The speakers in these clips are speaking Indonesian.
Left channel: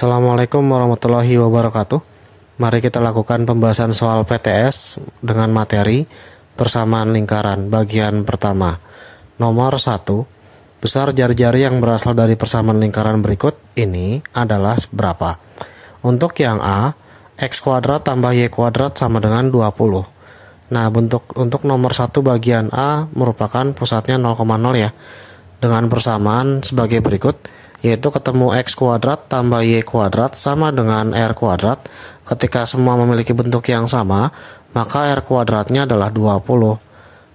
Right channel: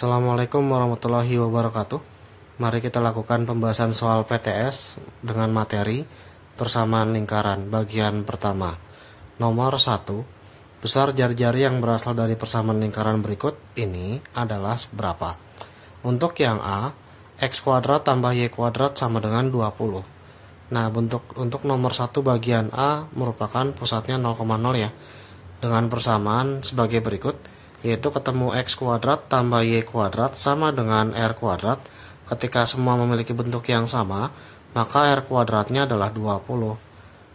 Assalamualaikum warahmatullahi wabarakatuh. Mari kita lakukan pembahasan soal PTS dengan materi persamaan lingkaran bagian pertama. Nomor 1. Besar jari-jari yang berasal dari persamaan lingkaran berikut ini adalah berapa? Untuk yang A, X kuadrat tambah Y kuadrat sama dengan 20. Nah, untuk nomor 1 bagian A merupakan pusatnya 0,0 ya. Dengan persamaan sebagai berikut, yaitu ketemu X kuadrat tambah Y kuadrat sama dengan R kuadrat. Ketika semua memiliki bentuk yang sama, maka R kuadratnya adalah 20.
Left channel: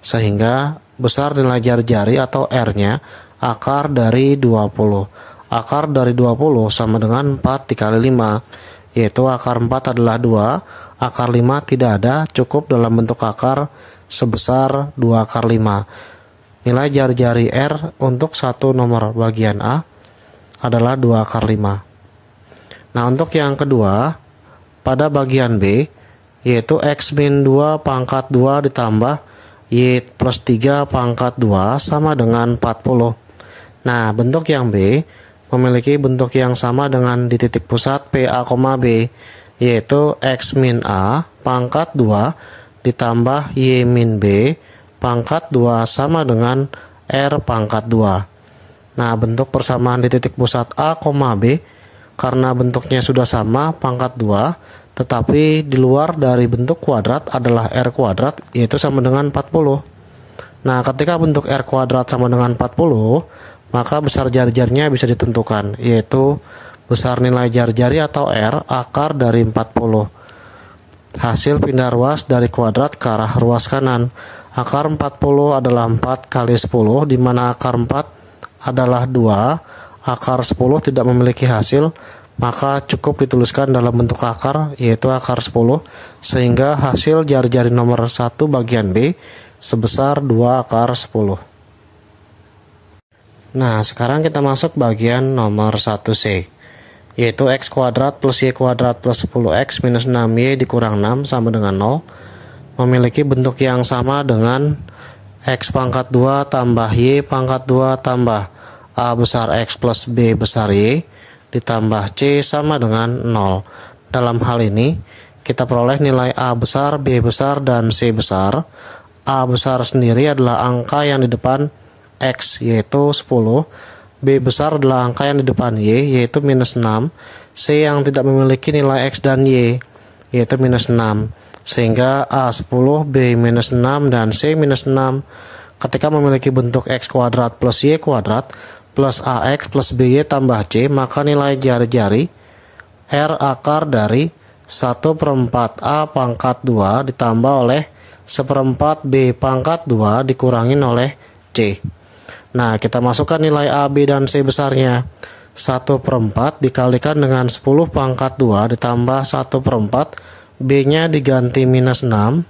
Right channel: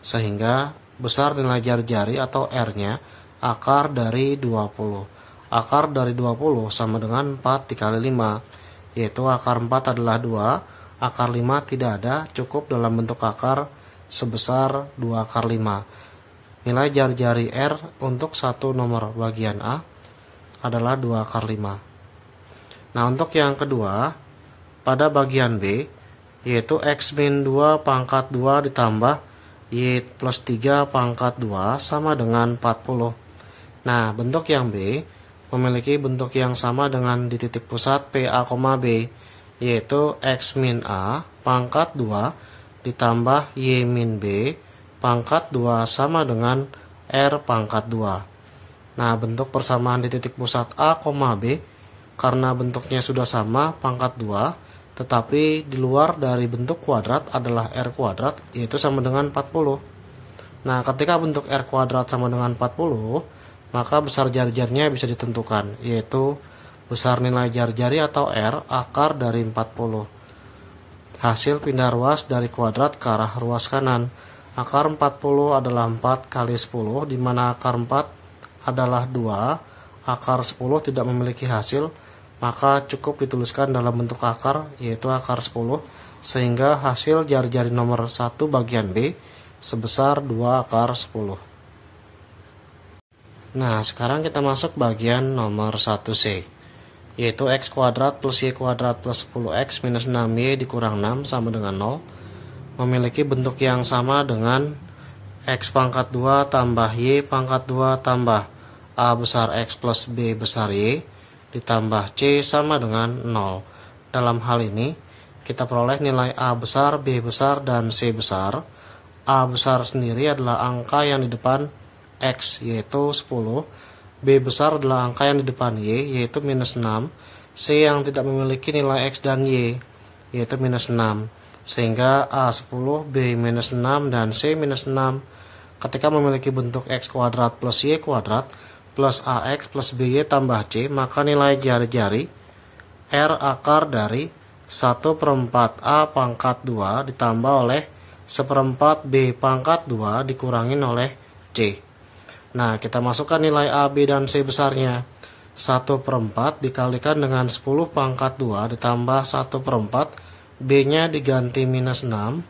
Sehingga besar nilai jari-jari atau R-nya akar dari 20. Akar dari 20 sama dengan 4 dikali 5, yaitu akar 4 adalah 2, akar 5 tidak ada, cukup dalam bentuk akar sebesar 2 akar 5. Nilai jari-jari R untuk satu nomor bagian A adalah 2 akar 5. Nah, untuk yang kedua, pada bagian B, yaitu X min 2 pangkat 2 ditambah Y plus 3 pangkat 2 sama dengan 40. Nah, bentuk yang B memiliki bentuk yang sama dengan di titik pusat PA, B, yaitu X min A pangkat 2 ditambah Y min B pangkat 2 sama dengan R pangkat 2. Nah, bentuk persamaan di titik pusat A, B, karena bentuknya sudah sama pangkat 2, tetapi di luar dari bentuk kuadrat adalah R kuadrat, yaitu sama dengan 40. Nah, ketika bentuk R kuadrat sama dengan 40, maka besar jari-jarinya bisa ditentukan, yaitu besar nilai jari-jari atau R akar dari 40. Hasil pindah ruas dari kuadrat ke arah ruas kanan. Akar 40 adalah 4 kali 10, di mana akar 4 adalah 2, akar 10 tidak memiliki hasil, maka cukup dituliskan dalam bentuk akar, yaitu akar 10, sehingga hasil jari-jari nomor 1 bagian B sebesar 2 akar 10. Nah, sekarang kita masuk bagian nomor 1C, yaitu X kuadrat plus Y kuadrat plus 10X minus 6Y dikurang 6 sama dengan 0, memiliki bentuk yang sama dengan X pangkat 2 tambah Y pangkat 2 tambah A besar X plus B besar Y ditambah C sama dengan 0. Dalam hal ini, kita peroleh nilai A besar, B besar, dan C besar. A besar sendiri adalah angka yang di depan X, yaitu 10. B besar adalah angka yang di depan Y, yaitu minus 6. C yang tidak memiliki nilai X dan Y, yaitu minus 6. Sehingga A 10, B minus 6, dan C minus 6. Ketika memiliki bentuk X kuadrat plus Y kuadrat plus AX plus BY tambah C, maka nilai jari-jari R akar dari 1/4 A pangkat 2 ditambah oleh 1/4 B pangkat 2 dikurangin oleh C. Nah, kita masukkan nilai A, B, dan C besarnya. 1/4 dikalikan dengan 10 pangkat 2 ditambah 1/4, B-nya diganti minus 6,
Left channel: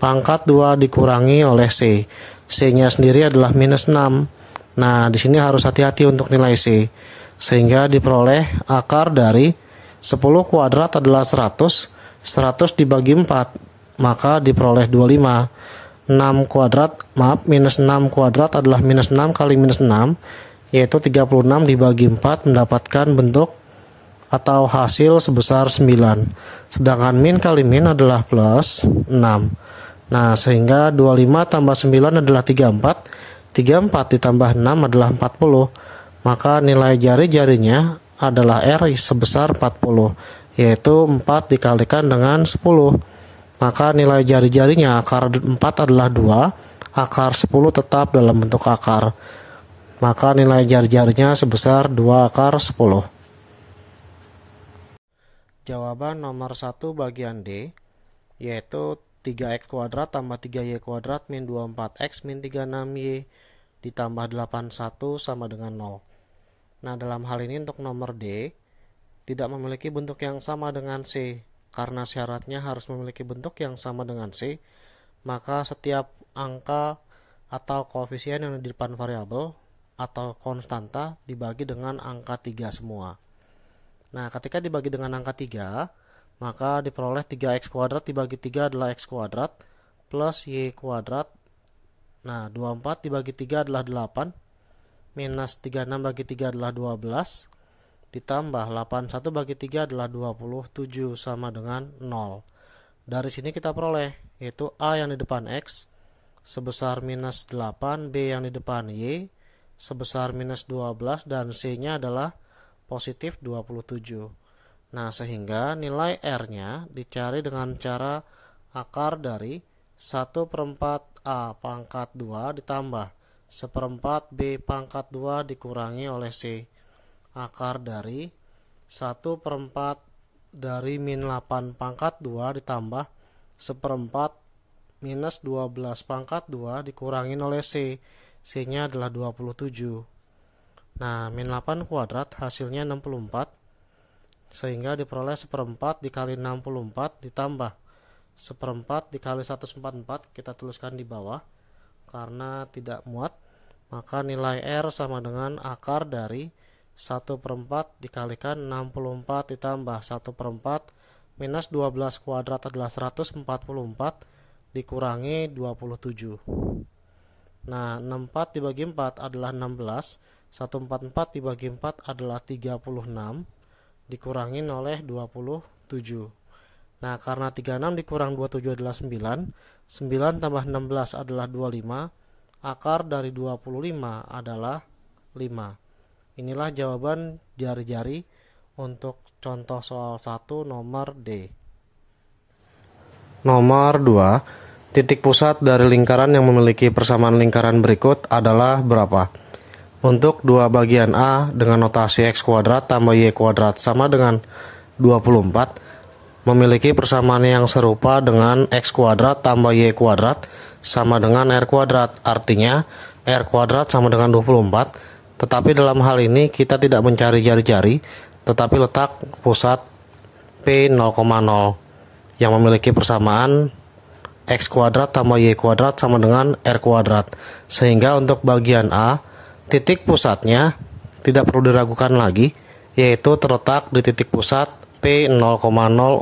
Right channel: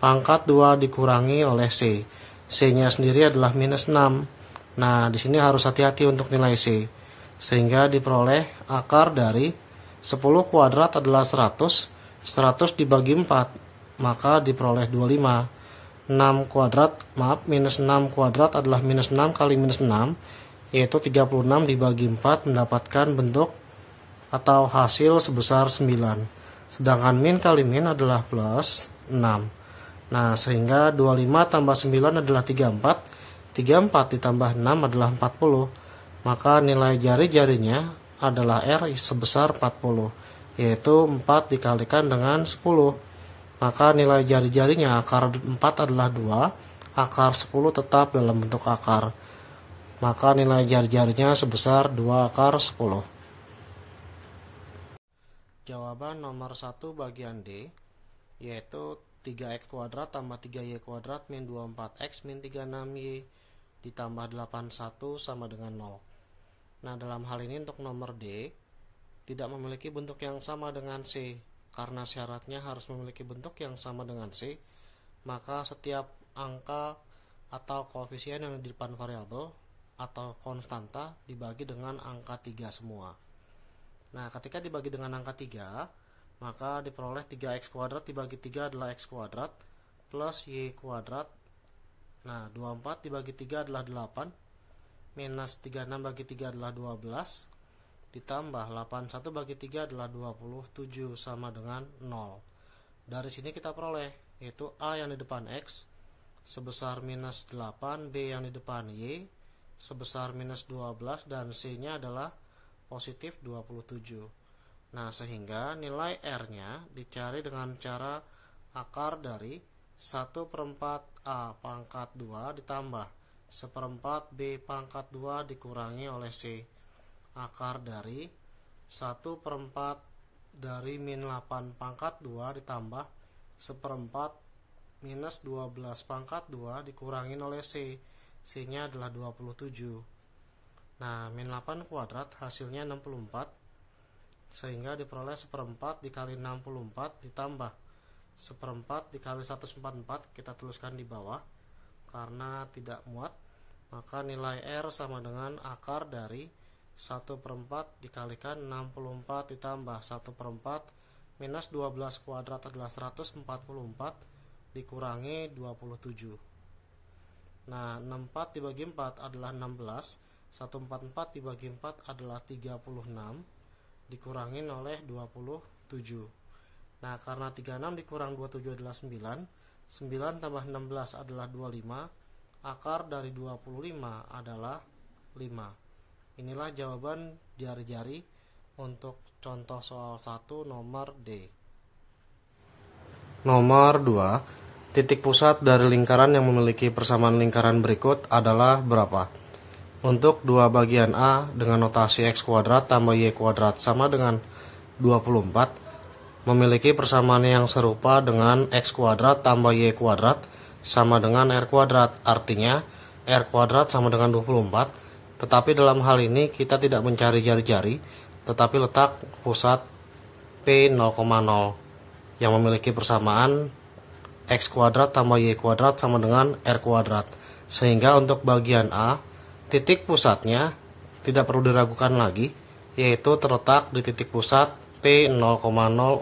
pangkat 2 dikurangi oleh C. C-nya sendiri adalah minus 6. Nah, di sini harus hati-hati untuk nilai C, sehingga diperoleh akar dari 10 kuadrat adalah 100, 100 dibagi 4, maka diperoleh 25. 6 kuadrat, minus 6 kuadrat adalah minus 6 kali minus 6, yaitu 36 dibagi 4 mendapatkan bentuk atau hasil sebesar 9. Sedangkan min kali min adalah plus 6. Nah, sehingga 25 tambah 9 adalah 34. 34 ditambah 6 adalah 40. Maka nilai jari-jarinya adalah R sebesar 40, yaitu 4 dikalikan dengan 10. Maka nilai jari-jarinya akar 4 adalah 2, akar 10 tetap dalam bentuk akar. Maka nilai jari-jarinya sebesar 2 akar 10. Jawaban nomor 1 bagian D, yaitu 3X kuadrat tambah 3Y kuadrat min 24X min 36Y ditambah 81 sama dengan 0. Nah, dalam hal ini untuk nomor D tidak memiliki bentuk yang sama dengan C. Karena syaratnya harus memiliki bentuk yang sama dengan C, maka setiap angka atau koefisien yang di depan variabel atau konstanta dibagi dengan angka 3 semua. Nah, ketika dibagi dengan angka 3, maka diperoleh 3X kuadrat dibagi 3 adalah X kuadrat plus Y kuadrat. Nah, 24 dibagi 3 adalah 8, minus 36 bagi 3 adalah 12, ditambah 81 bagi 3 adalah 27 sama dengan 0. Dari sini kita peroleh yaitu A yang di depan X sebesar minus 8, B yang di depan Y sebesar minus 12, dan C nya adalah positif 27. Nah, sehingga nilai R-nya dicari dengan cara akar dari 1/4 A pangkat 2 ditambah 1/4 B pangkat 2 dikurangi oleh C. Akar dari 1/4 dari min 8 pangkat 2 ditambah 1/4 minus 12 pangkat 2 dikurangi oleh C. C nya adalah 27. Nah, min 8 kuadrat hasilnya 64, sehingga diperoleh 1/4 dikali 64 ditambah 1/4 dikali 144, kita tuliskan di bawah karena tidak muat. Maka nilai R sama dengan akar dari 1/4 dikalikan 64 ditambah 1/4 minus 12 kuadrat adalah 144 dikurangi 27. Nah, 64 dibagi 4 adalah 16, 144 dibagi 4 adalah 36 dikurangi oleh 27. Nah, karena 36 dikurang 27 adalah 9, 9 tambah 16 adalah 25, akar dari 25 adalah 5. Inilah jawaban jari-jari untuk contoh soal 1 nomor D. Nomor 2, titik pusat dari lingkaran yang memiliki persamaan lingkaran berikut adalah berapa? Untuk dua bagian A dengan notasi X kuadrat tambah Y kuadrat sama dengan 24, memiliki persamaan yang serupa dengan X kuadrat tambah Y kuadrat sama dengan R kuadrat. Artinya R kuadrat sama dengan 24. Tetapi dalam hal ini kita tidak mencari jari-jari, tetapi letak pusat P 0,0 yang memiliki persamaan X kuadrat tambah Y kuadrat sama dengan R kuadrat. Sehingga untuk bagian A, titik pusatnya tidak perlu diragukan lagi, yaitu terletak di titik pusat P 0,0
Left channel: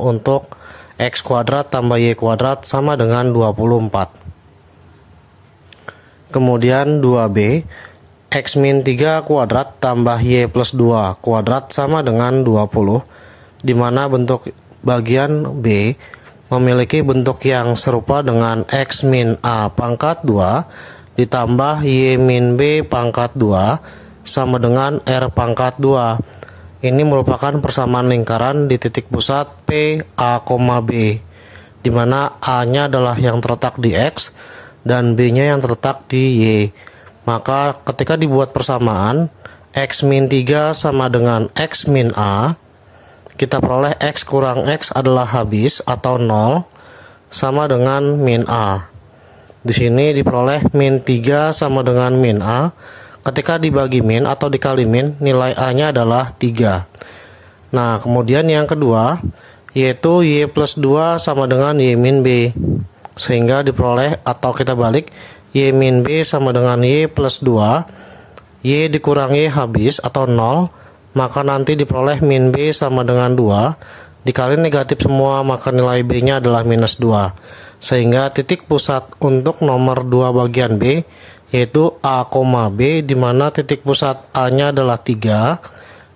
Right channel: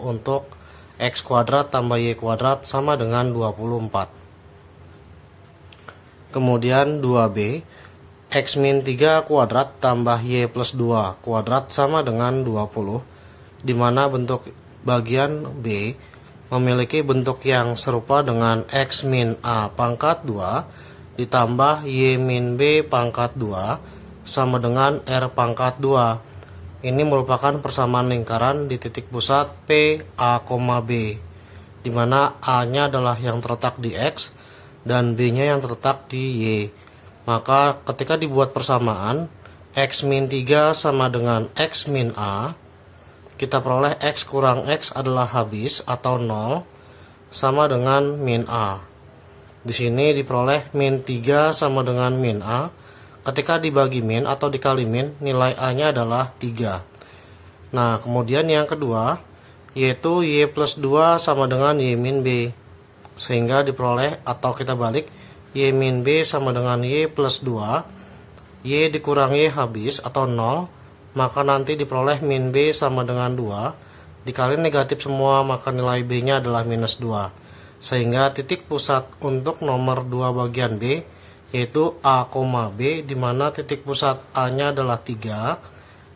untuk X kuadrat tambah Y kuadrat sama dengan 24. Kemudian 2B, X min 3 kuadrat tambah Y plus 2 kuadrat sama dengan 20, di mana bentuk bagian B memiliki bentuk yang serupa dengan X min A pangkat 2 ditambah Y min B pangkat 2 sama dengan R pangkat 2. Ini merupakan persamaan lingkaran di titik pusat P, A, B, di mana A-nya adalah yang terletak di X dan B-nya yang terletak di Y. Maka ketika dibuat persamaan X min 3 sama dengan X min A, kita peroleh X kurang X adalah habis atau 0 sama dengan min A. Di sini diperoleh min 3 sama dengan min A. Ketika dibagi min atau dikali min, nilai A-nya adalah 3. Nah, kemudian yang kedua yaitu Y plus 2 sama dengan Y min B. Sehingga diperoleh atau kita balik, Y min B sama dengan Y plus 2, Y dikurangi habis atau 0, maka nanti diperoleh min B sama dengan 2, dikali negatif semua maka nilai B nya adalah minus 2. Sehingga titik pusat untuk nomor 2 bagian B yaitu A, B, di mana titik pusat A nya adalah 3,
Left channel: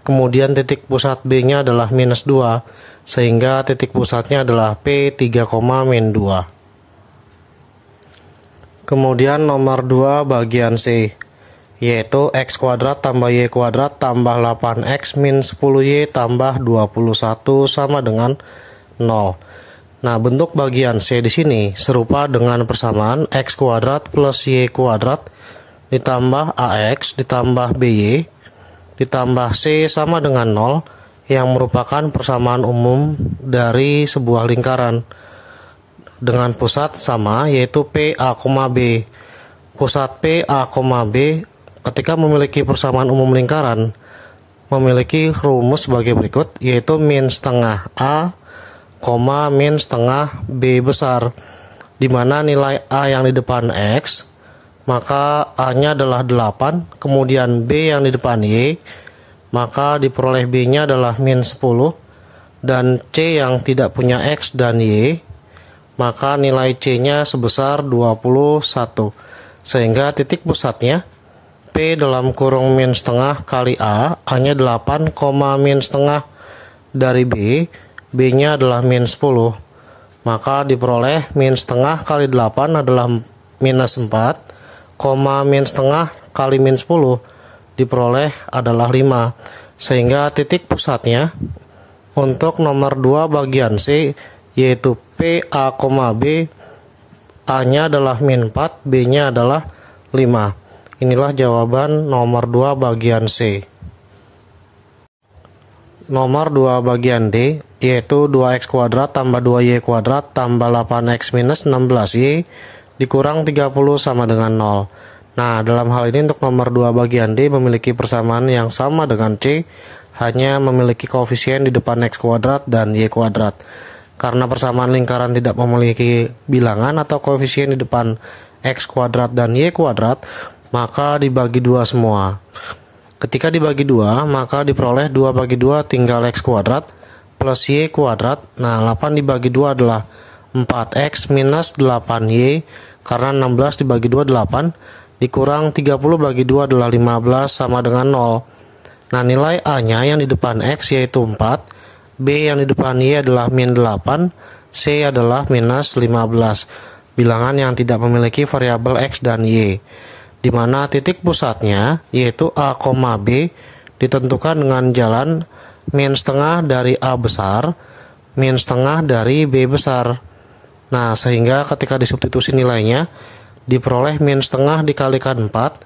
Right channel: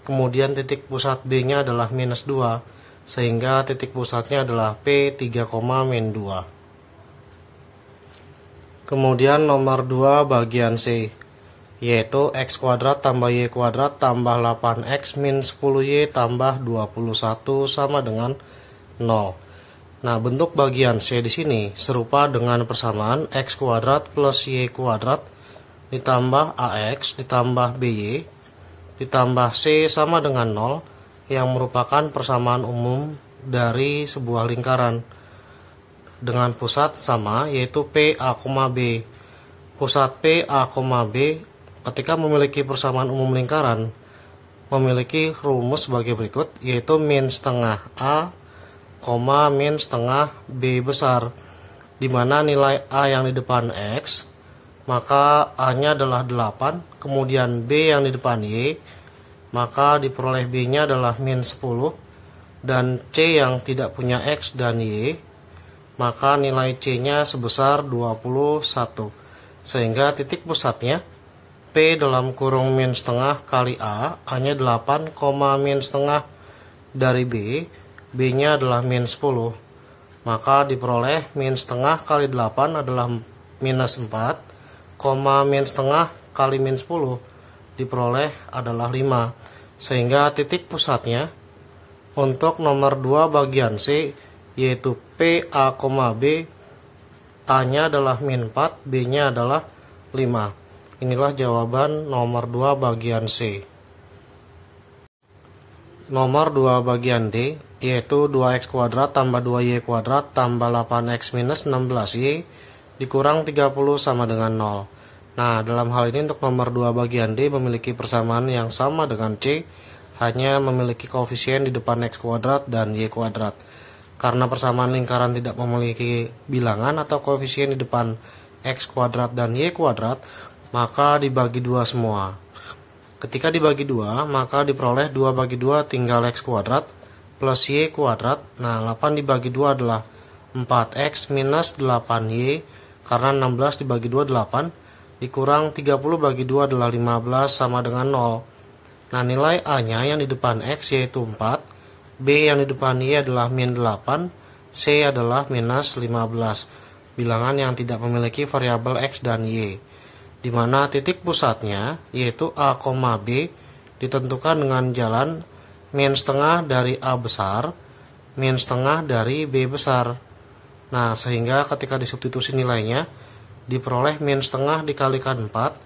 kemudian titik pusat B nya adalah minus 2, sehingga titik pusatnya adalah P 3, min 2. Kemudian nomor 2 bagian C yaitu X kuadrat tambah Y kuadrat tambah 8X min 10Y tambah 21 sama dengan 0. Nah, bentuk bagian C di sini serupa dengan persamaan X kuadrat plus Y kuadrat ditambah AX ditambah BY ditambah C sama dengan 0 yang merupakan persamaan umum dari sebuah lingkaran dengan pusat sama yaitu P, A, B. Pusat P, A, B ketika memiliki persamaan umum lingkaran memiliki rumus sebagai berikut, yaitu min setengah A, min setengah B besar, di mana nilai A yang di depan X, maka A nya adalah 8, kemudian B yang di depan Y, maka diperoleh B nya adalah min 10, dan C yang tidak punya X dan Y, maka nilai C nya sebesar 21, sehingga titik pusatnya P dalam kurung min setengah kali A-nya 8, min setengah dari B, B-nya adalah min 10. Maka diperoleh min setengah kali 8 adalah minus 4, min setengah kali min 10 diperoleh adalah 5. Sehingga titik pusatnya untuk nomor 2 bagian C yaitu PA, B, A-nya adalah min 4, B-nya adalah 5. Inilah jawaban nomor 2 bagian C. Nomor 2 bagian D yaitu 2x kuadrat tambah 2y kuadrat tambah 8x minus 16y dikurang 30 sama dengan 0. Nah, dalam hal ini untuk nomor 2 bagian D memiliki persamaan yang sama dengan C, hanya memiliki koefisien di depan x kuadrat dan y kuadrat. Karena persamaan lingkaran tidak memiliki bilangan atau koefisien di depan x kuadrat dan y kuadrat, maka dibagi 2 semua. Ketika dibagi 2, maka diperoleh 2 bagi 2 tinggal x kuadrat plus y kuadrat. Nah, 8 dibagi 2 adalah 4x minus 8y, karena 16 dibagi 2 8, dikurang 30 bagi 2 adalah 15 sama dengan 0. Nah, nilai A-nya yang di depan X yaitu 4, B yang di depan Y adalah min 8, C adalah minus 15. Bilangan yang tidak memiliki variabel X dan Y. Di mana titik pusatnya yaitu A, B ditentukan dengan jalan min setengah dari A besar, min setengah dari B besar. Nah, sehingga ketika disubstitusi nilainya diperoleh min setengah dikalikan 4,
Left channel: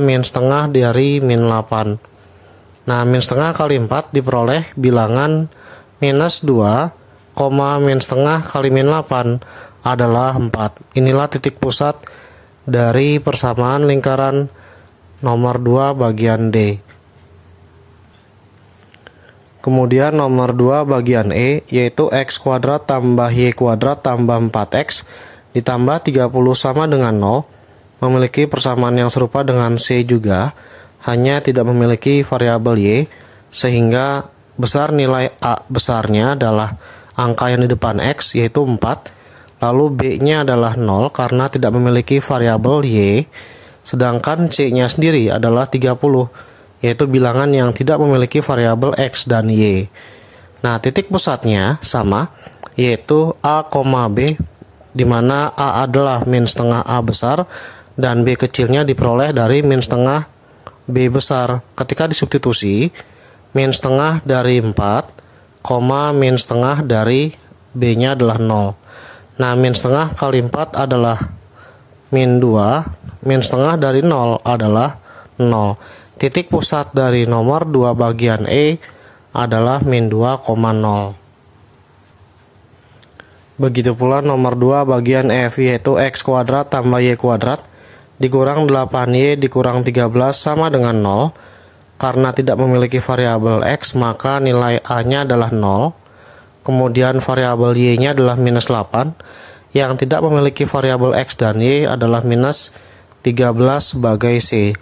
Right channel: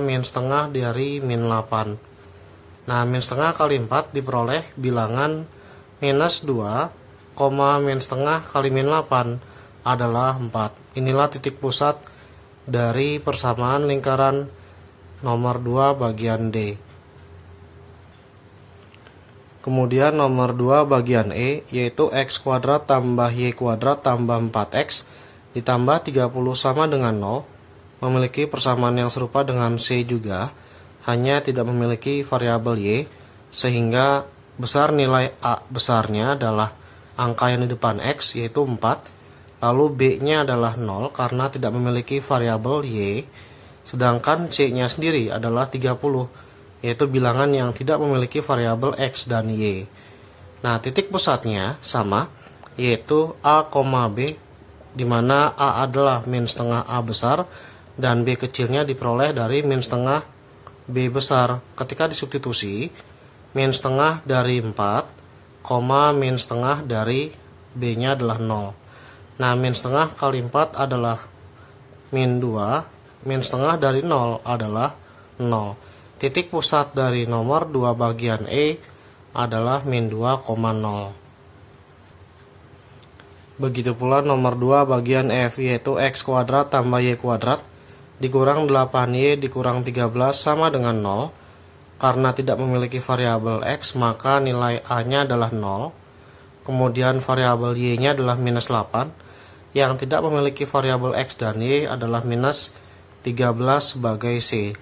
min setengah dari min 8. Nah, min setengah kali 4 diperoleh bilangan minus 2, min setengah kali min 8 adalah 4. Inilah titik pusat dari persamaan lingkaran nomor 2 bagian D. Kemudian nomor 2 bagian E yaitu x kuadrat tambah y kuadrat tambah 4x ditambah 30 sama dengan 0, memiliki persamaan yang serupa dengan C juga, hanya tidak memiliki variabel Y, sehingga besar nilai A besarnya adalah angka yang di depan X yaitu 4, lalu B-nya adalah 0 karena tidak memiliki variabel Y, sedangkan C-nya sendiri adalah 30, yaitu bilangan yang tidak memiliki variabel X dan Y. Nah, titik pusatnya sama, yaitu A, B, di mana A adalah min setengah A besar dan B kecilnya diperoleh dari min setengah B besar. Ketika disubstitusi, min setengah dari 4, min setengah dari B-nya adalah 0. Nah, min setengah kali 4 adalah min 2, min setengah dari 0 adalah 0. Titik pusat dari nomor 2 bagian E adalah min 2,0. Begitu pula nomor 2 bagian F yaitu x kuadrat tambah y kuadrat dikurang 8y dikurang 13 sama dengan 0. Karena tidak memiliki variabel x maka nilai A-nya adalah 0. Kemudian variabel y-nya adalah minus 8. Yang tidak memiliki variabel x dan y adalah minus 13 sebagai C.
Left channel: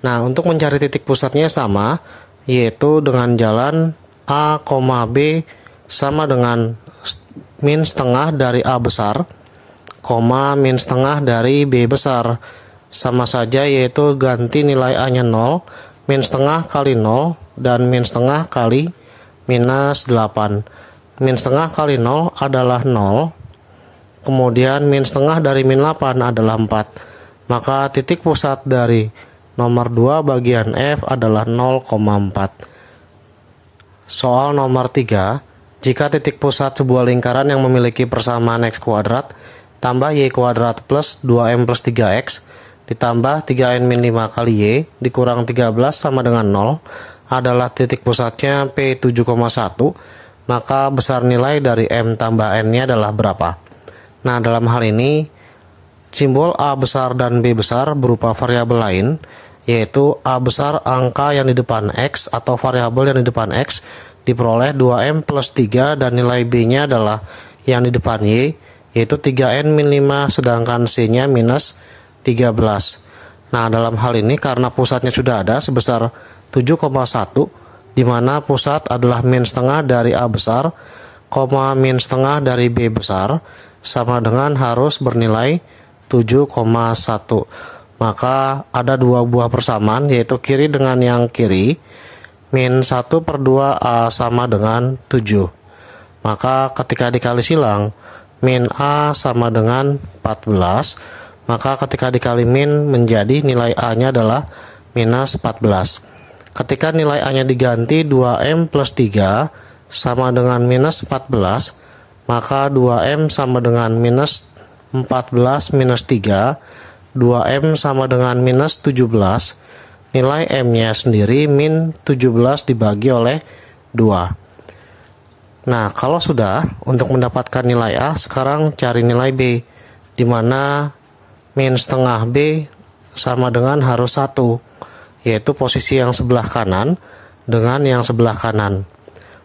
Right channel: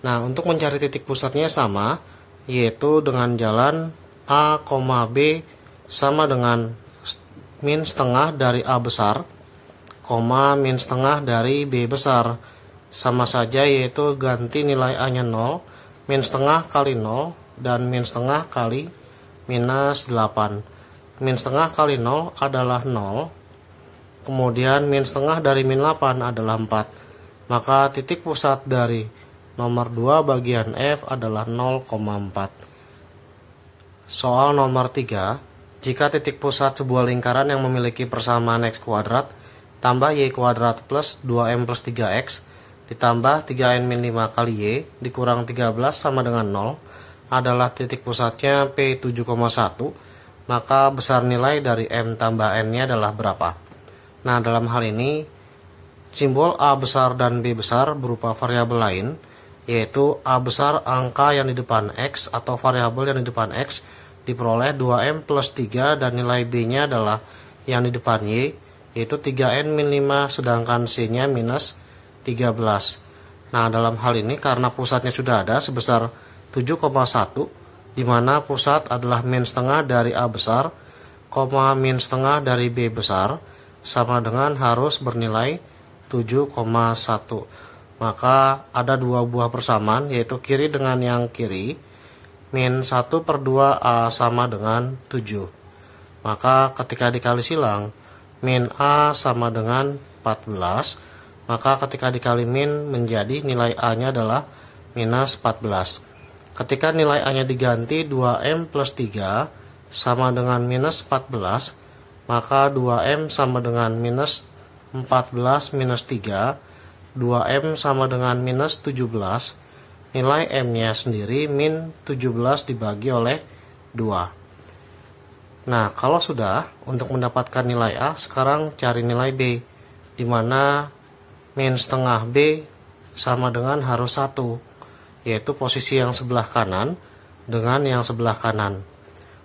Nah, untuk mencari titik pusatnya sama, yaitu dengan jalan A, B sama dengan min setengah dari A besar, min setengah dari B besar. Sama saja, yaitu ganti nilai A-nya 0, min setengah kali 0, dan min setengah kali minus 8. Min setengah kali 0 adalah 0, kemudian min setengah dari min 8 adalah 4. Maka titik pusat dari nomor 2 bagian F adalah 0,4. Soal nomor 3. Jika titik pusat sebuah lingkaran yang memiliki persamaan x kuadrat tambah y kuadrat plus 2m plus 3x ditambah 3n min 5 kali y dikurang 13 sama dengan 0 adalah titik pusatnya P7,1, maka besar nilai dari m tambah n-nya adalah berapa? Nah, dalam hal ini simbol A besar dan B besar berupa variabel lain, yaitu A besar angka yang di depan X atau variabel yang di depan X diperoleh 2M plus 3 dan nilai B-nya adalah yang di depan Y, yaitu 3N min 5 sedangkan C-nya minus 13. Nah, dalam hal ini karena pusatnya sudah ada sebesar 7,1, di mana pusat adalah min setengah dari A besar, min setengah dari B besar, sama dengan harus bernilai 7,1. maka ada dua buah persamaan, yaitu kiri dengan yang kiri. Min 1/2A sama dengan 7. Maka ketika dikali silang, min A sama dengan 14. Maka ketika dikali min menjadi nilai A-nya adalah minus 14. Ketika nilai A-nya diganti 2M plus 3 sama dengan minus 14, maka 2M sama dengan minus 14 minus 3, 2M sama dengan minus 17. Nilai M-nya sendiri min 17 dibagi oleh 2. Nah, kalau sudah, untuk mendapatkan nilai A, sekarang cari nilai B, di mana min setengah B sama dengan harus 1, yaitu posisi yang sebelah kanan dengan yang sebelah kanan.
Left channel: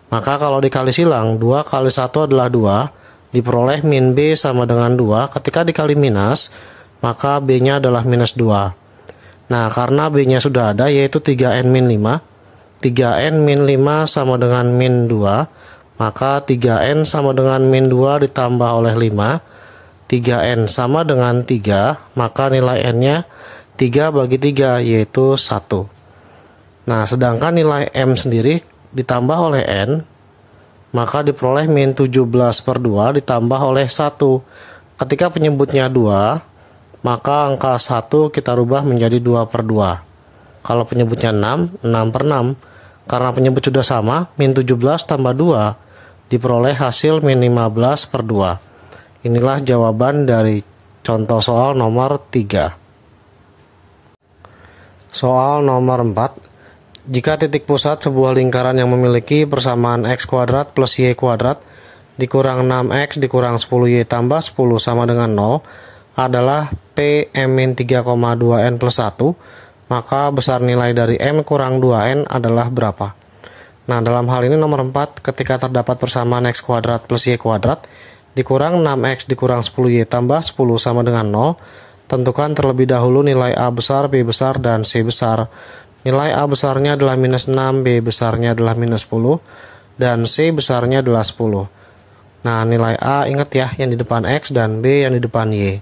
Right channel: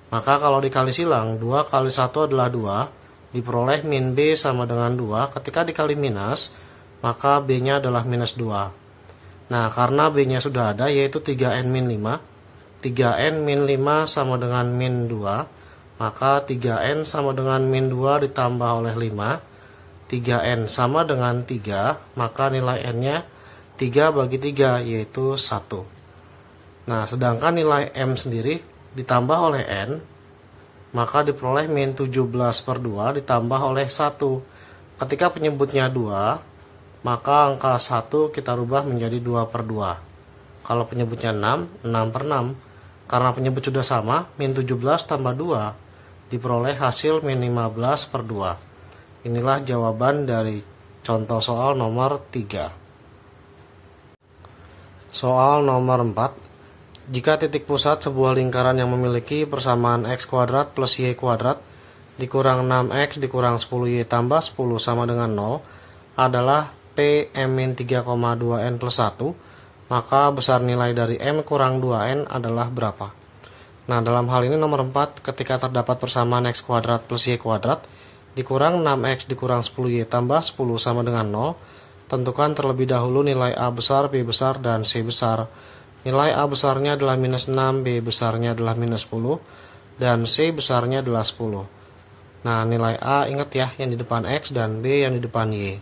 Maka kalau dikali silang, 2 kali 1 adalah 2, diperoleh min B sama dengan 2. Ketika dikali minus, maka B-nya adalah minus 2. Nah, karena B-nya sudah ada, yaitu 3N min 5. 3N min 5 sama dengan min 2. Maka 3N sama dengan min 2 ditambah oleh 5. 3N sama dengan 3, maka nilai N-nya 3 bagi 3, yaitu 1. Nah, sedangkan nilai M sendiri ditambah oleh N, maka diperoleh min 17/2 ditambah oleh 1. Ketika penyebutnya 2, maka angka 1 kita rubah menjadi 2/2. Kalau penyebutnya 6, 6/6. Karena penyebut sudah sama, min 17 tambah 2 diperoleh hasil min 15/2. Inilah jawaban dari contoh soal nomor 3. Soal nomor 4. Jika titik pusat sebuah lingkaran yang memiliki persamaan x kuadrat plus y kuadrat dikurang 6x dikurang 10y tambah 10 sama dengan 0 adalah P M-3,2N plus 1, maka besar nilai dari M kurang 2N adalah berapa? Nah, dalam hal ini nomor 4, ketika terdapat persamaan x kuadrat plus y kuadrat dikurang 6x dikurang 10y tambah 10 sama dengan 0, tentukan terlebih dahulu nilai A besar, B besar, dan C besar. Nilai A besarnya adalah minus 6, B besarnya adalah minus 10, dan C besarnya adalah 10. Nah, nilai A ingat ya, yang di depan X, dan B yang di depan Y.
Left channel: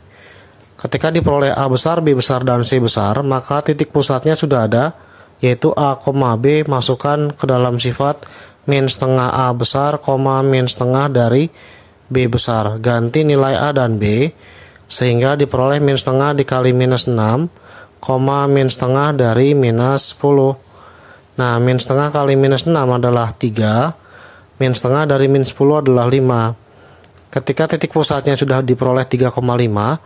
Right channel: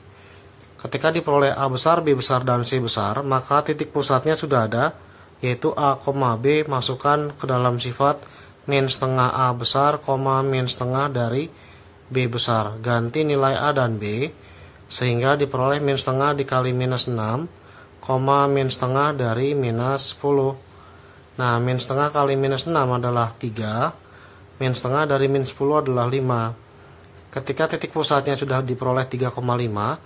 Ketika diperoleh A besar, B besar, dan C besar, maka titik pusatnya sudah ada, yaitu A, B masukkan ke dalam sifat min setengah A besar, min setengah dari B besar. Ganti nilai A dan B, sehingga diperoleh min setengah dikali minus 6, min setengah dari minus 10. Nah, min setengah kali minus 6 adalah 3, min setengah dari min 10 adalah 5. Ketika titik pusatnya sudah diperoleh 3,5,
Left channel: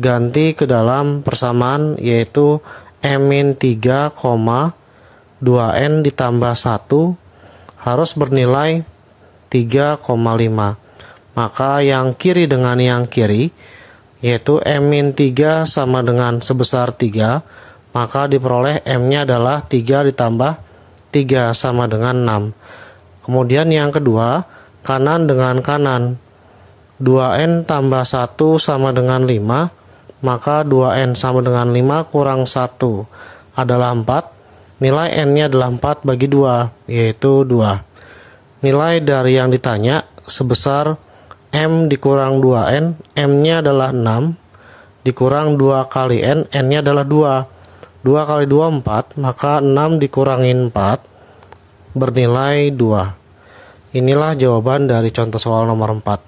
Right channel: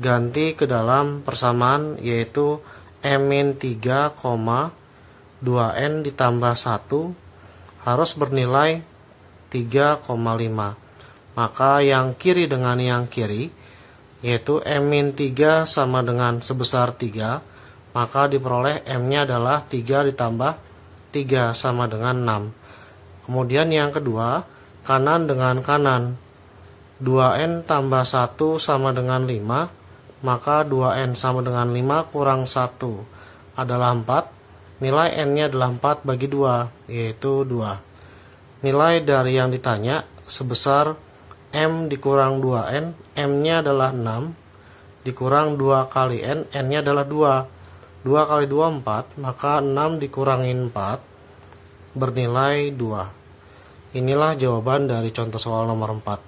ganti ke dalam persamaan, yaitu M-3,2N ditambah 1 harus bernilai 3,5. Maka yang kiri dengan yang kiri, yaitu M-3 sama dengan sebesar 3, maka diperoleh M-nya adalah 3 ditambah 3 sama dengan 6. Kemudian yang kedua, kanan dengan kanan. 2N tambah 1 sama dengan 5, maka 2N sama dengan 5 kurang 1 adalah 4. Nilai N-nya adalah 4 bagi 2, yaitu 2. Nilai dari yang ditanya sebesar M dikurang 2N, M-nya adalah 6, dikurang 2 kali N, N-nya adalah 2. 2 kali 2, 4, maka 6 dikurangin 4, bernilai 2. Inilah jawaban dari contoh soal nomor 4.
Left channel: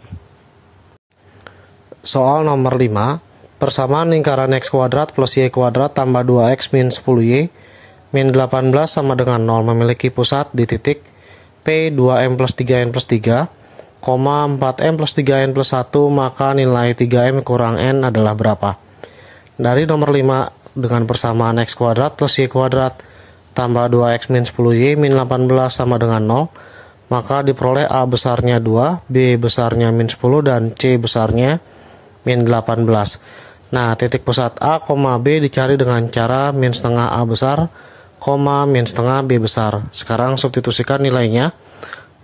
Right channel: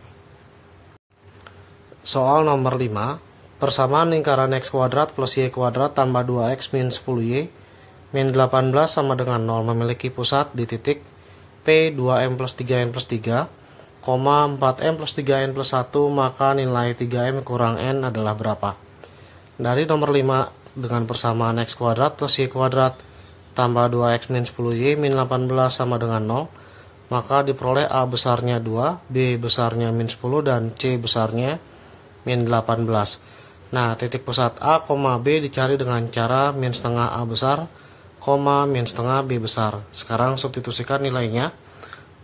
Soal nomor 5. Persamaan lingkaran x kuadrat plus y kuadrat tambah 2x min 10y min 18 sama dengan 0 memiliki pusat di titik P 2M plus 3N plus 3, 4M plus 3N plus 1, maka nilai 3M kurang N adalah berapa? Dari nomor 5, dengan persamaan x kuadrat plus y kuadrat tambah 2x min 10y min 18 sama dengan 0, maka diperoleh A besarnya 2, B besarnya min 10, dan C besarnya min 18. Nah, titik pusat A, B dicari dengan cara min setengah A besar, min setengah B besar. Sekarang substitusikan nilainya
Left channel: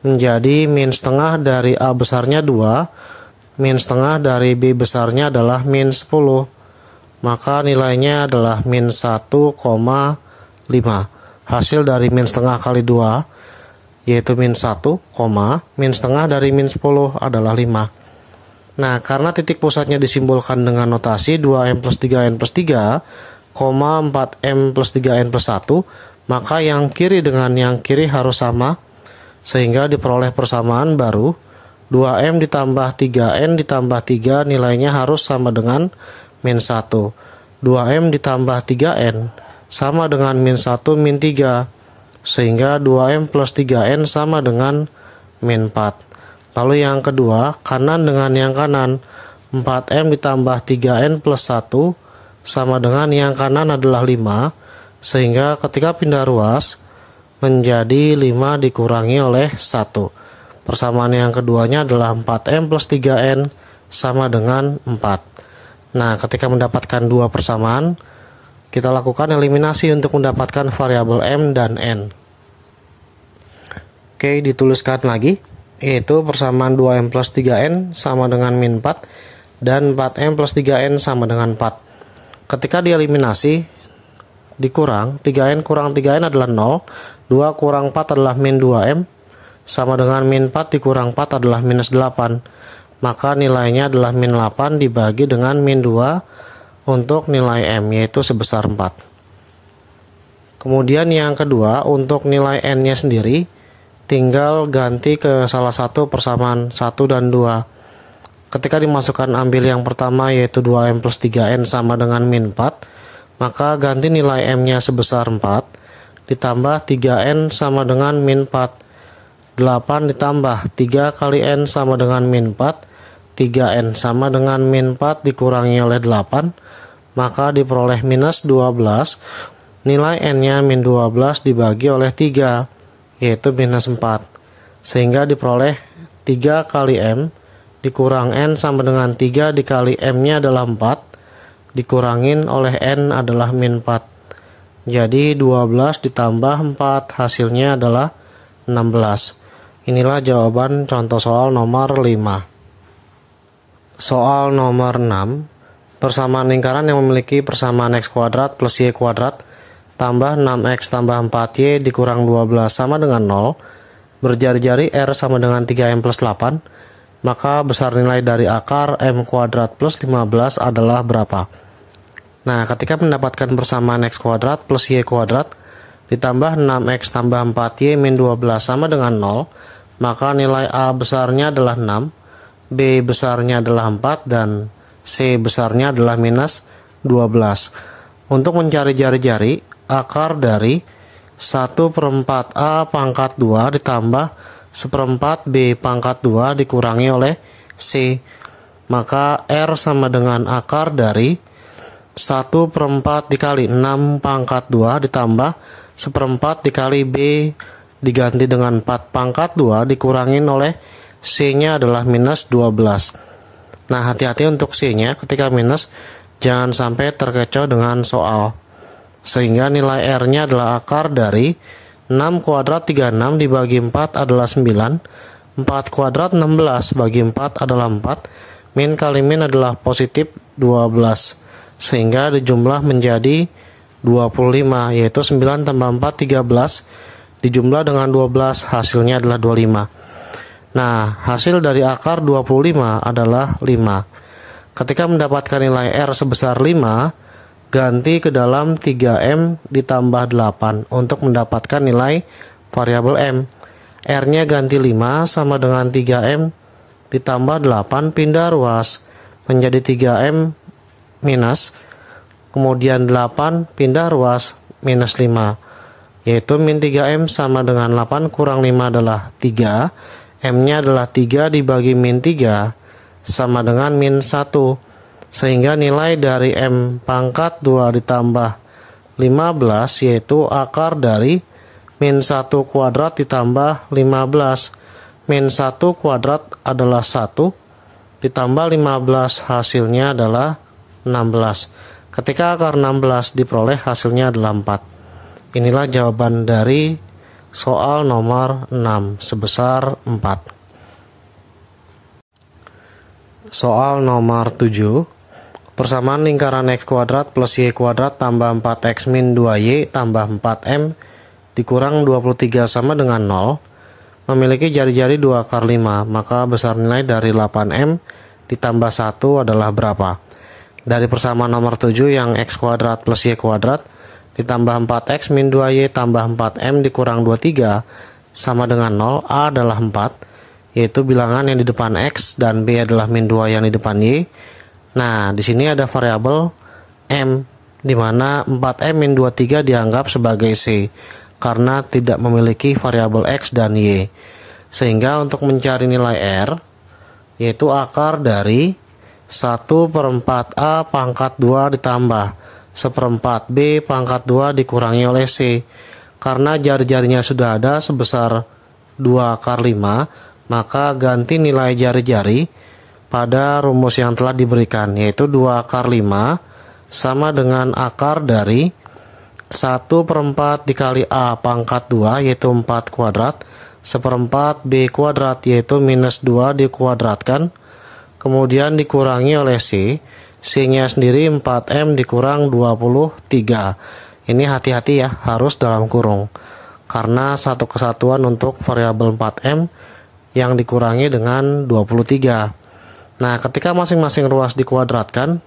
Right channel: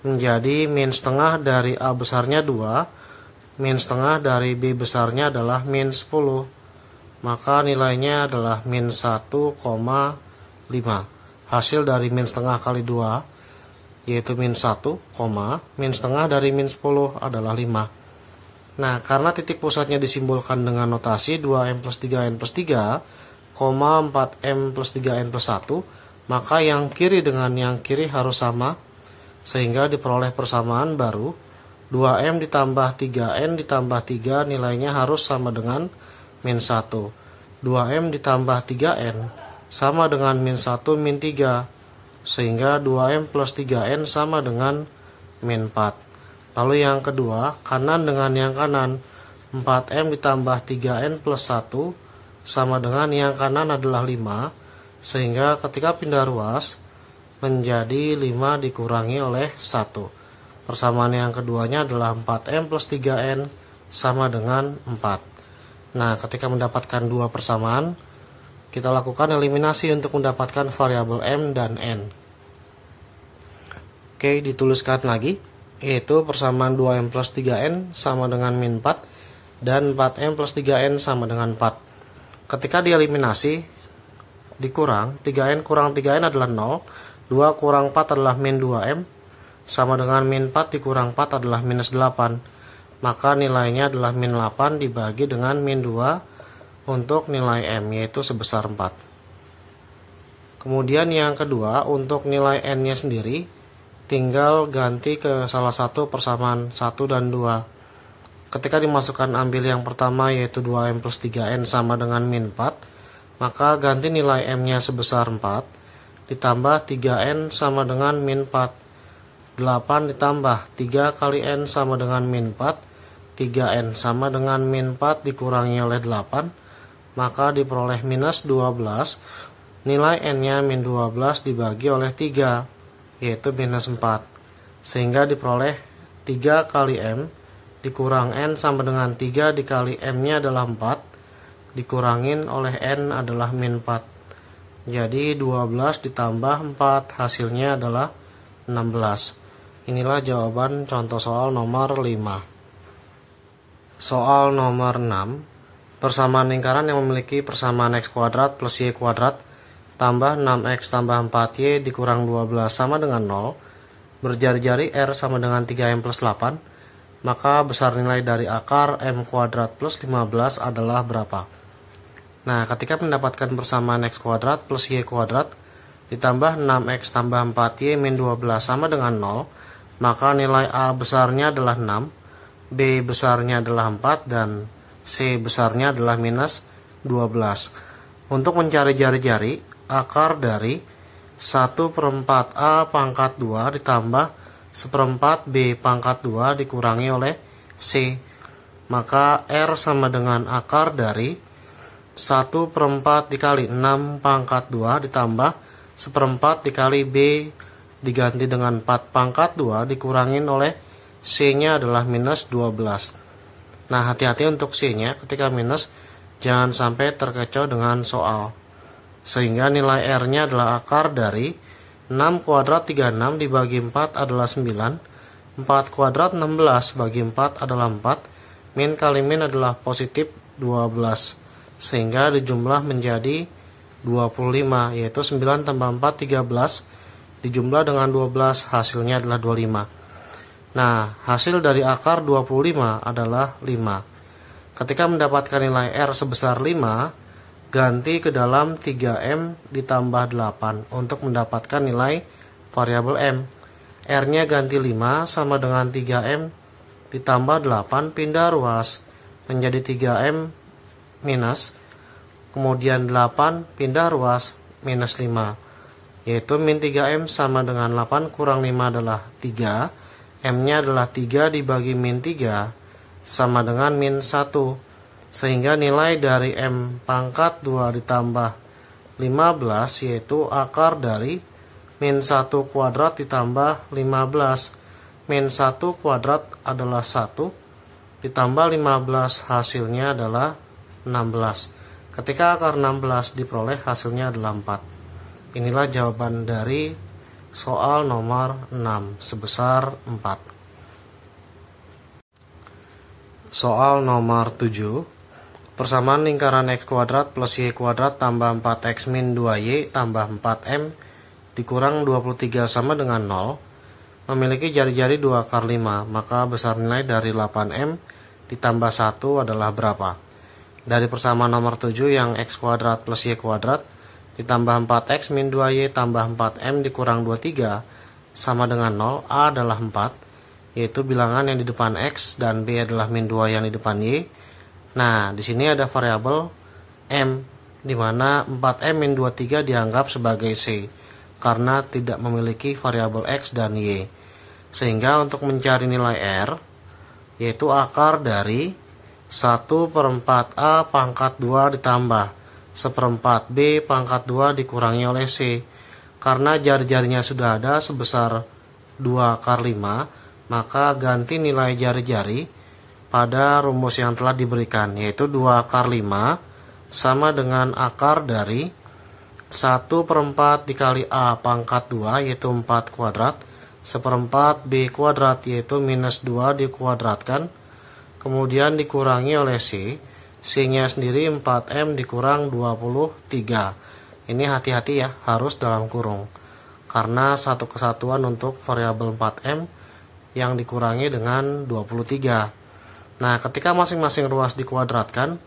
menjadi min setengah dari A besarnya 2, min setengah dari B besarnya adalah min 10. Maka nilainya adalah min 1,5. Hasil dari min setengah kali 2, yaitu min 1, min setengah dari min 10 adalah 5. Nah, karena titik pusatnya disimbolkan dengan notasi 2M plus 3N plus 3, 4M plus 3N plus 1, maka yang kiri dengan yang kiri harus sama, sehingga diperoleh persamaan baru 2M ditambah 3N ditambah 3 nilainya harus sama dengan min 1. 2M ditambah 3N sama dengan min 1 min 3, sehingga 2M plus 3N sama dengan min 4. Lalu yang kedua, kanan dengan yang kanan, 4M ditambah 3N plus 1 sama dengan yang kanan adalah 5, sehingga ketika pindah ruas menjadi 5 dikurangi oleh 1. Persamaan yang keduanya adalah 4M plus 3N sama dengan 4. Nah, ketika mendapatkan dua persamaan, kita lakukan eliminasi untuk mendapatkan variabel M dan N. Oke, dituliskan lagi, yaitu persamaan 2M plus 3N sama dengan min 4 dan 4M plus 3N sama dengan 4. Ketika dieliminasi, dikurang, 3N kurang 3N adalah 0, 2 kurang 4 adalah min 2M, sama dengan min 4 dikurang 4 adalah minus 8. Maka nilainya adalah min 8 dibagi dengan min 2 untuk nilai M, yaitu sebesar 4. Kemudian yang kedua, untuk nilai N-nya sendiri, tinggal ganti ke salah satu persamaan 1 dan 2. Ketika dimasukkan ambil yang pertama, yaitu 2M plus 3N sama dengan min 4, maka ganti nilai M-nya sebesar 4, ditambah 3N sama dengan min 4. 8 ditambah 3 kali N sama dengan min 4, 3N sama dengan min 4 dikurangi oleh 8, maka diperoleh minus 12, nilai N-nya min 12 dibagi oleh 3, yaitu minus 4, sehingga diperoleh 3 kali M dikurang N sama dengan 3 dikali M-nya adalah 4, dikurangin oleh N adalah min 4. Jadi 12 ditambah 4 hasilnya adalah 16. Inilah jawaban contoh soal nomor 5. Soal nomor 6. Persamaan lingkaran yang memiliki persamaan x kuadrat plus y kuadrat tambah 6x tambah 4y dikurang 12 sama dengan 0. Berjari-jari R sama dengan 3M plus 8. Maka besar nilai dari akar M kuadrat plus 15 adalah berapa? Nah, ketika mendapatkan persamaan x kuadrat plus y kuadrat ditambah 6x tambah 4y min 12 sama dengan 0, maka nilai A besarnya adalah 6, B besarnya adalah 4, dan C besarnya adalah minus 12. Untuk mencari jari-jari, akar dari 1/4 A pangkat 2 ditambah 1/4 B pangkat 2 dikurangi oleh C. Maka R sama dengan akar dari 1/4 dikali 6 pangkat 2 ditambah 1/4 dikali B diganti dengan 4 pangkat 2 dikurangin oleh C-nya adalah minus 12. Nah, hati-hati untuk C-nya ketika minus, jangan sampai terkecoh dengan soal. Sehingga nilai R-nya adalah akar dari 6 kuadrat 36 dibagi 4 adalah 9, 4 kuadrat 16 bagi 4 adalah 4, min kali min adalah positif 12, sehingga dijumlah menjadi 25, yaitu 9 tambah 4 13, dijumlah dengan 12 hasilnya adalah 25. Nah, hasil dari akar 25 adalah 5. Ketika mendapatkan nilai R sebesar 5, ganti ke dalam 3M ditambah 8 untuk mendapatkan nilai variabel M. R-nya ganti 5 sama dengan 3M ditambah 8, pindah ruas menjadi 3M minus, kemudian 8 pindah ruas minus 5. Yaitu min 3M sama dengan 8 kurang 5 adalah 3, M-nya adalah 3 dibagi min 3 sama dengan min 1, sehingga nilai dari M pangkat 2 ditambah 15 yaitu akar dari min 1 kuadrat ditambah 15. Min 1 kuadrat adalah 1 ditambah 15 hasilnya adalah 16. Ketika akar 16 diperoleh hasilnya adalah 4. Inilah jawaban dari soal nomor 6 sebesar 4. Soal nomor 7. Persamaan lingkaran x kuadrat plus y kuadrat tambah 4x min 2y tambah 4m dikurang 23 sama dengan 0 memiliki jari-jari 2 akar 5, maka besar nilai dari 8m ditambah 1 adalah berapa? Dari persamaan nomor 7 yang x kuadrat plus y kuadrat ditambah 4x min 2y tambah 4m dikurang 23 sama dengan 0. A adalah 4, yaitu bilangan yang di depan x, dan b adalah min 2 yang di depan y. Nah, di sini ada variabel m, di mana 4m min 23 dianggap sebagai c karena tidak memiliki variabel x dan y. Sehingga untuk mencari nilai r, yaitu akar dari 1/4 A pangkat 2 ditambah 1/4 B pangkat 2 dikurangi oleh C. Karena jari-jarinya sudah ada sebesar 2 akar 5, maka ganti nilai jari-jari pada rumus yang telah diberikan, yaitu 2 akar 5 sama dengan akar dari 1/4 dikali A pangkat 2, yaitu 4 kuadrat, 1/4 B kuadrat, yaitu minus 2 dikuadratkan, kemudian dikurangi oleh C. C-nya sendiri 4M dikurang 23. Ini hati-hati ya, harus dalam kurung, karena satu kesatuan untuk variabel 4M yang dikurangi dengan 23. Nah, ketika masing-masing ruas dikuadratkan,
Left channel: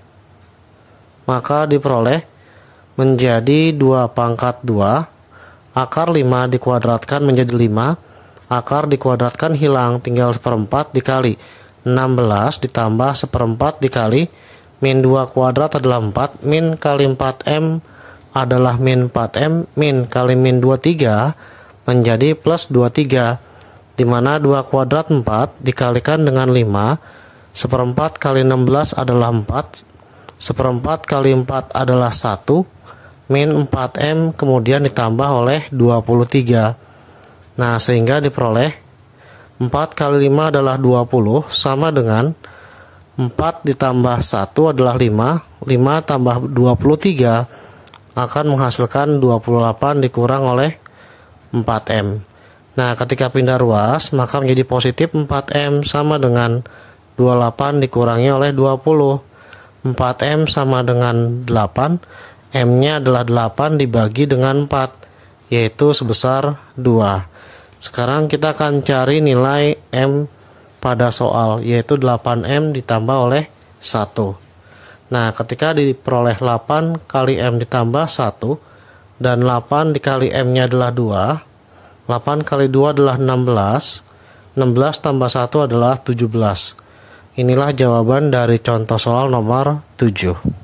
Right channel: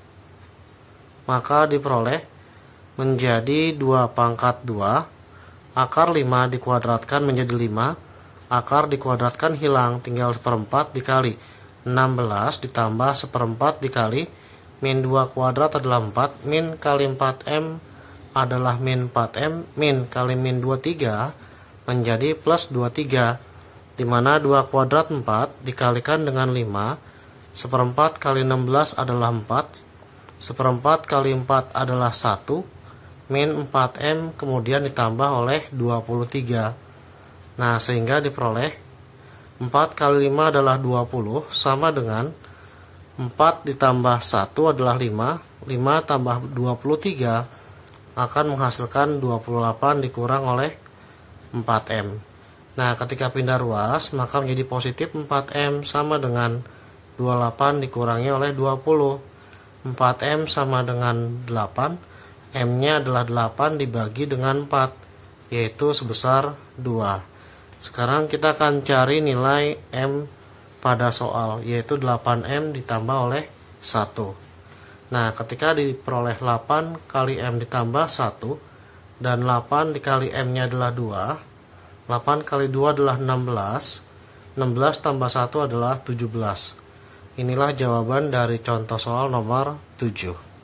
maka diperoleh menjadi 2 pangkat 2, akar 5 dikuadratkan menjadi 5, akar dikuadratkan hilang, tinggal 1/4 dikali 16 ditambah 1/4 dikali min 2 kuadrat adalah 4, min kali 4M adalah min 4M, min kali min 23 menjadi plus 23, dimana 2 kuadrat 4 dikalikan dengan 5, 1/4 kali 16 adalah 4, 1/4 kali 4 adalah 1, min 4M kemudian ditambah oleh 23. Nah, sehingga diperoleh 4 kali 5 adalah 20 sama dengan 4 ditambah 1 adalah 5, 5 tambah 23 akan menghasilkan 28 dikurang oleh 4M. Nah, ketika pindah ruas maka menjadi positif 4M sama dengan 28 dikurangi oleh 20. 4M sama dengan 8, M-nya adalah 8 dibagi dengan 4, yaitu sebesar 2. Sekarang kita akan cari nilai M pada soal, yaitu 8M ditambah oleh 1. Nah, ketika diperoleh 8 kali M ditambah 1, dan 8 dikali M-nya adalah 2, 8 kali 2 adalah 16, 16 tambah 1 adalah 17. Inilah jawaban dari contoh soal nomor 7.